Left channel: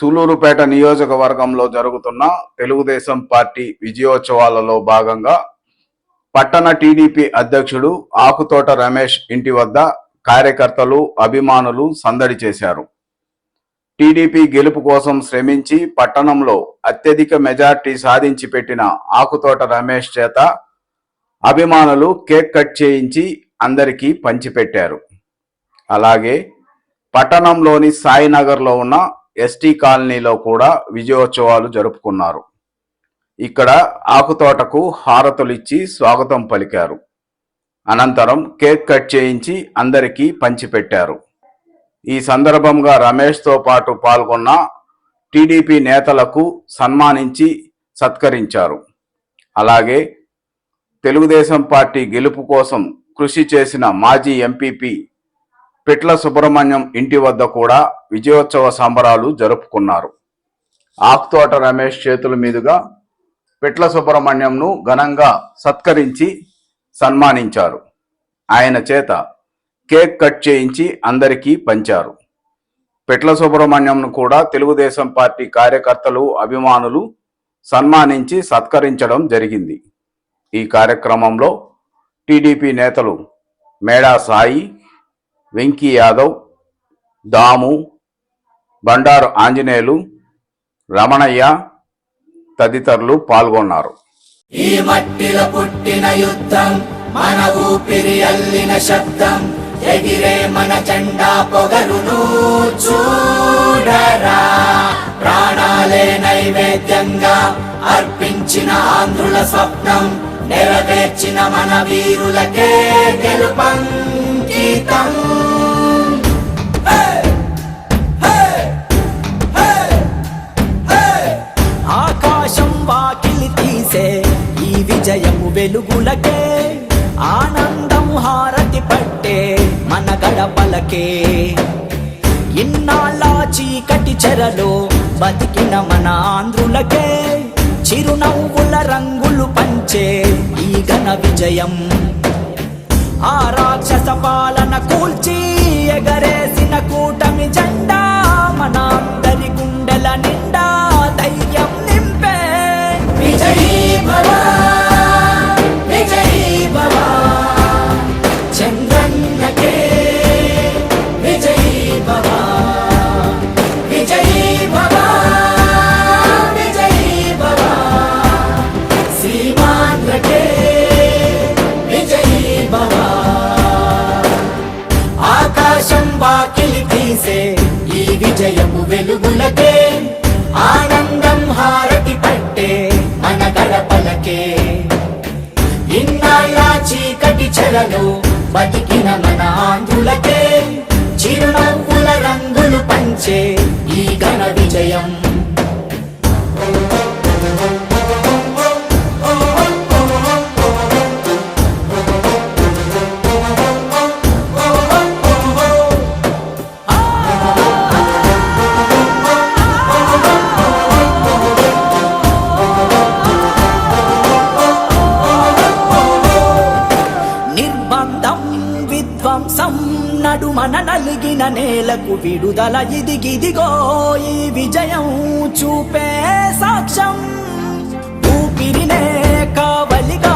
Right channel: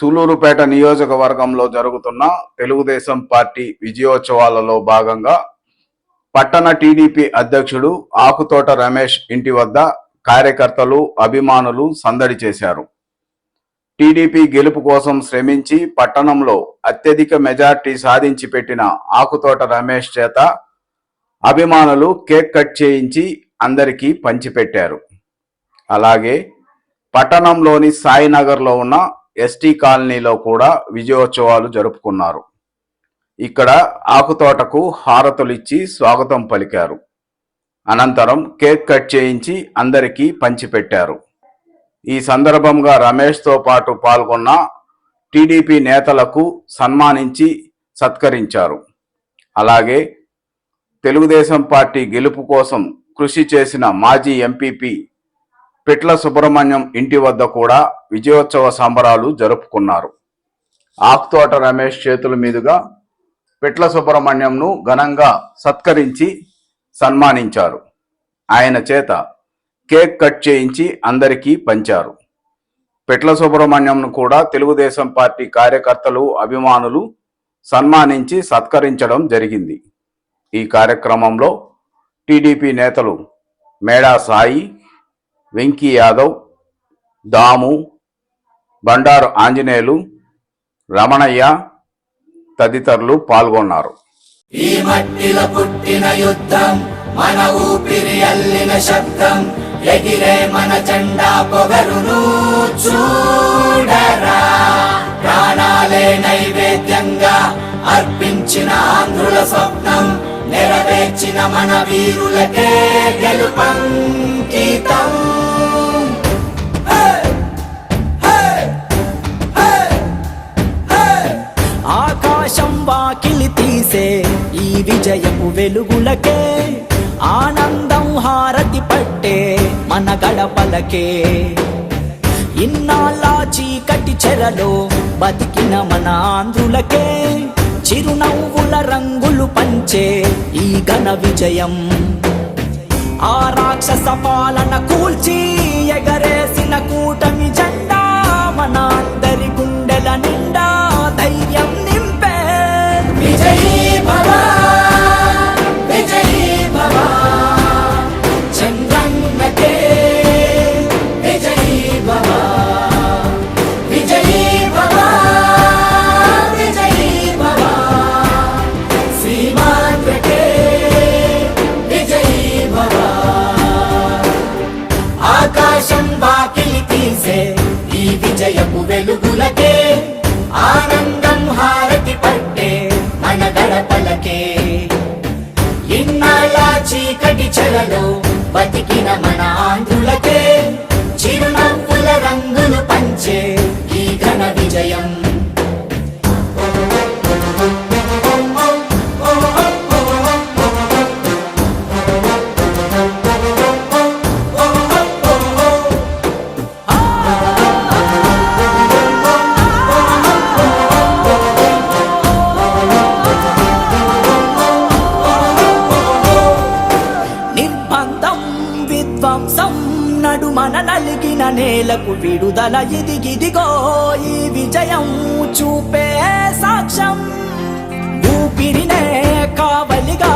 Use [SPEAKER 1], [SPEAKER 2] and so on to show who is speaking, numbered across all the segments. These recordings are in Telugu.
[SPEAKER 1] సూలూరుపేట నియోజకవర్గంలో జరుగుతున్న తెలుగుదేశం పార్టీ విజయోత్సవాలలో భాగంగా పట్టణ టీడీపీ అధ్యక్షుడు ఆకుతోట రమేష్ ఇంటి వద్ద కార్యకర్తలు అభిమానులు సందడి చేశారు. టీడీపీ గెలుపు కోసం శ్రమించి పట్టణంలో అత్యధిక మెజార్టీ సాధించి పెట్టిన ఆకుతోట రమేష్ చేత అభిమానులు కేక్ కట్ చేయించి అందరికీ పంచిపెట్టారు. అలాగే పట్టణంలోని సాయినగర్లో ఉన్న ఎస్టీ కాలనీలో కూడా విజయోత్సవాలు జరుపుకున్నారు. ఇక్కడ ఆకుతోటకు హారతులిచ్చి స్వాగతం పలికారు. అనంతరం కేక్ కట్ చేయించి అందరికీ పంచిపెట్టారు. ఈ సందర్భంగా రమేష్తో పాటు పాల్గొన్న టీడీపీ నేతలకు సన్మానించి సత్కరించారు. అలాగే తెలుగుదేశం పార్టీ గెలుపు కోసం కృషి చేసిన మాజీ ఎంపీపీ పిట్ల సుబ్రహ్మణ్యం ఇంటి వద్ద కూడా విజయోత్సవ సంబరాలు జరుపుకున్నారు. ఆకుతోట రమేష్ చేతుల మీదుగా పిట్ల సుబ్రహ్మణ్యంను ఘనంగా సత్కరించి సన్మానించారు. ఆయన చేత కేక్ కట్ చేయించి అందరికీ పంచారు. పిట్ల సుబ్రహ్మణ్యంను కూడా తెలుగుదేశం పార్టీ కార్యకర్తలు అభిమానులు సన్మానించి సత్కరించడం జరిగింది. ఈ కార్యక్రమంలో టీడీపీ నేతలు మేడా సాయి వెంకీ యాదవ్ దాము బండారు ఆంజనేయులు రమణయ్య తదితరులు పాల్గొన్నారు.
[SPEAKER 2] ఈ మట్టిలో పుట్టిన యుద్ధం మన ఊపిరి అల్లిన శబ్దం ఎగిరే మన జెండా పొగరును చూడరా. ప్రాణాలే నైవేద్యంగా అర్పించిన ఆంధ్రుల స్వప్నం నెరవేర్చిన మన వీరులకే గెలుపంకితం.
[SPEAKER 3] ఆకాశం వాకిలి తీసే ఈ విజయము వెలుగులకే ఆనందం హారతి పట్టే మన గడపలకే. ఇన్నాళ్ళ చీకటి చెరలో బతికిన మన ఆంధ్రులకే చిరునవ్వుల రంగులు పంచే ఈ ఘన విజయం. ఆ రాక్షస పాలన కూల్చి ఎగరేసిన
[SPEAKER 2] కూట ఈ
[SPEAKER 3] నేలకు విడుదల ఇది గిదిగో ఈ విజయం చూపే సాక్ష్యం. ఊపిరినే కావలిగా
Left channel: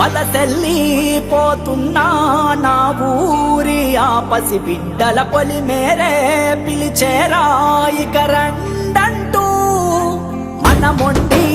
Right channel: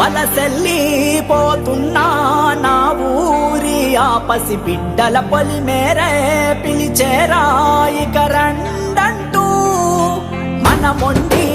[SPEAKER 3] వలసెల్లిపోతున్నా నా ఊరి ఆపసి బిడ్డల పలి మేరే పిలిచేరా ఇక
[SPEAKER 2] మనముండి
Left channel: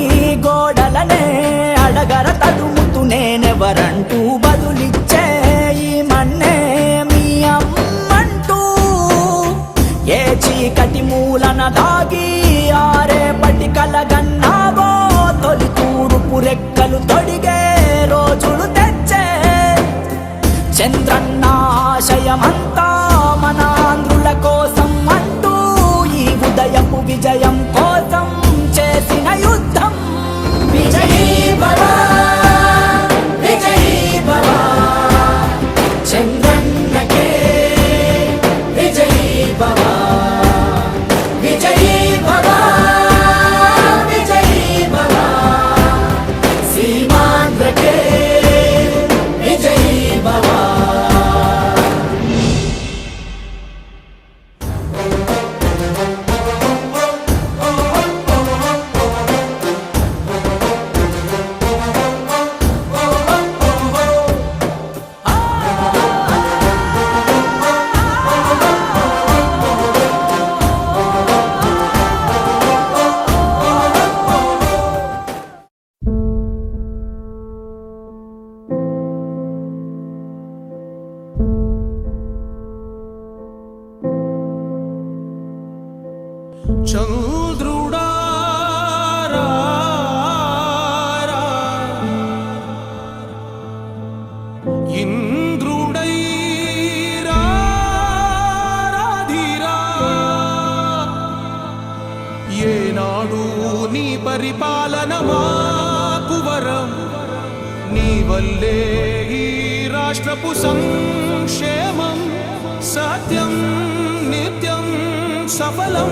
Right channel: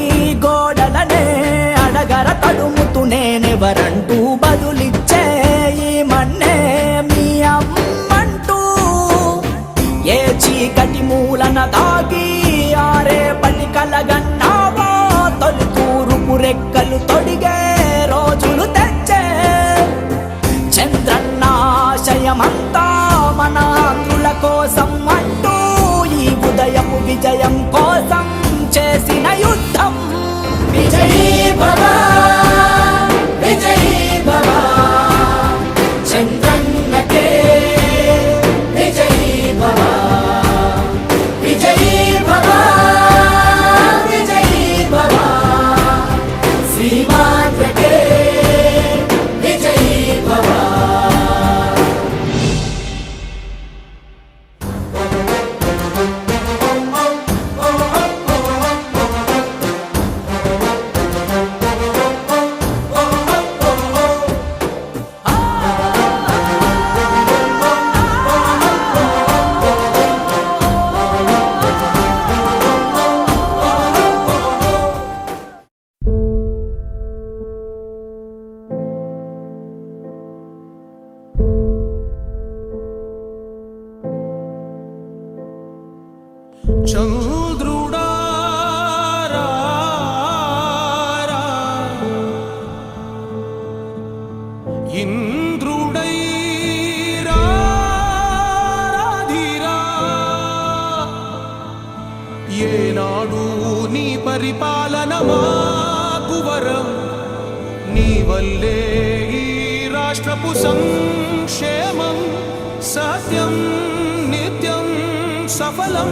[SPEAKER 4] చంద్రుడా ఇంద్రుడై ఏనాడు నీ పరిపాలన మాకు వరం. నీ వల్లే ఈ రాష్ట్రపు సంక్షేమం సత్యం నిత్యం సఫలం.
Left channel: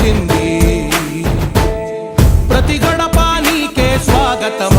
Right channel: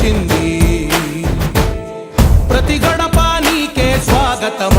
[SPEAKER 4] నిన్నే ప్రతి గడప నీకే స్వాగతం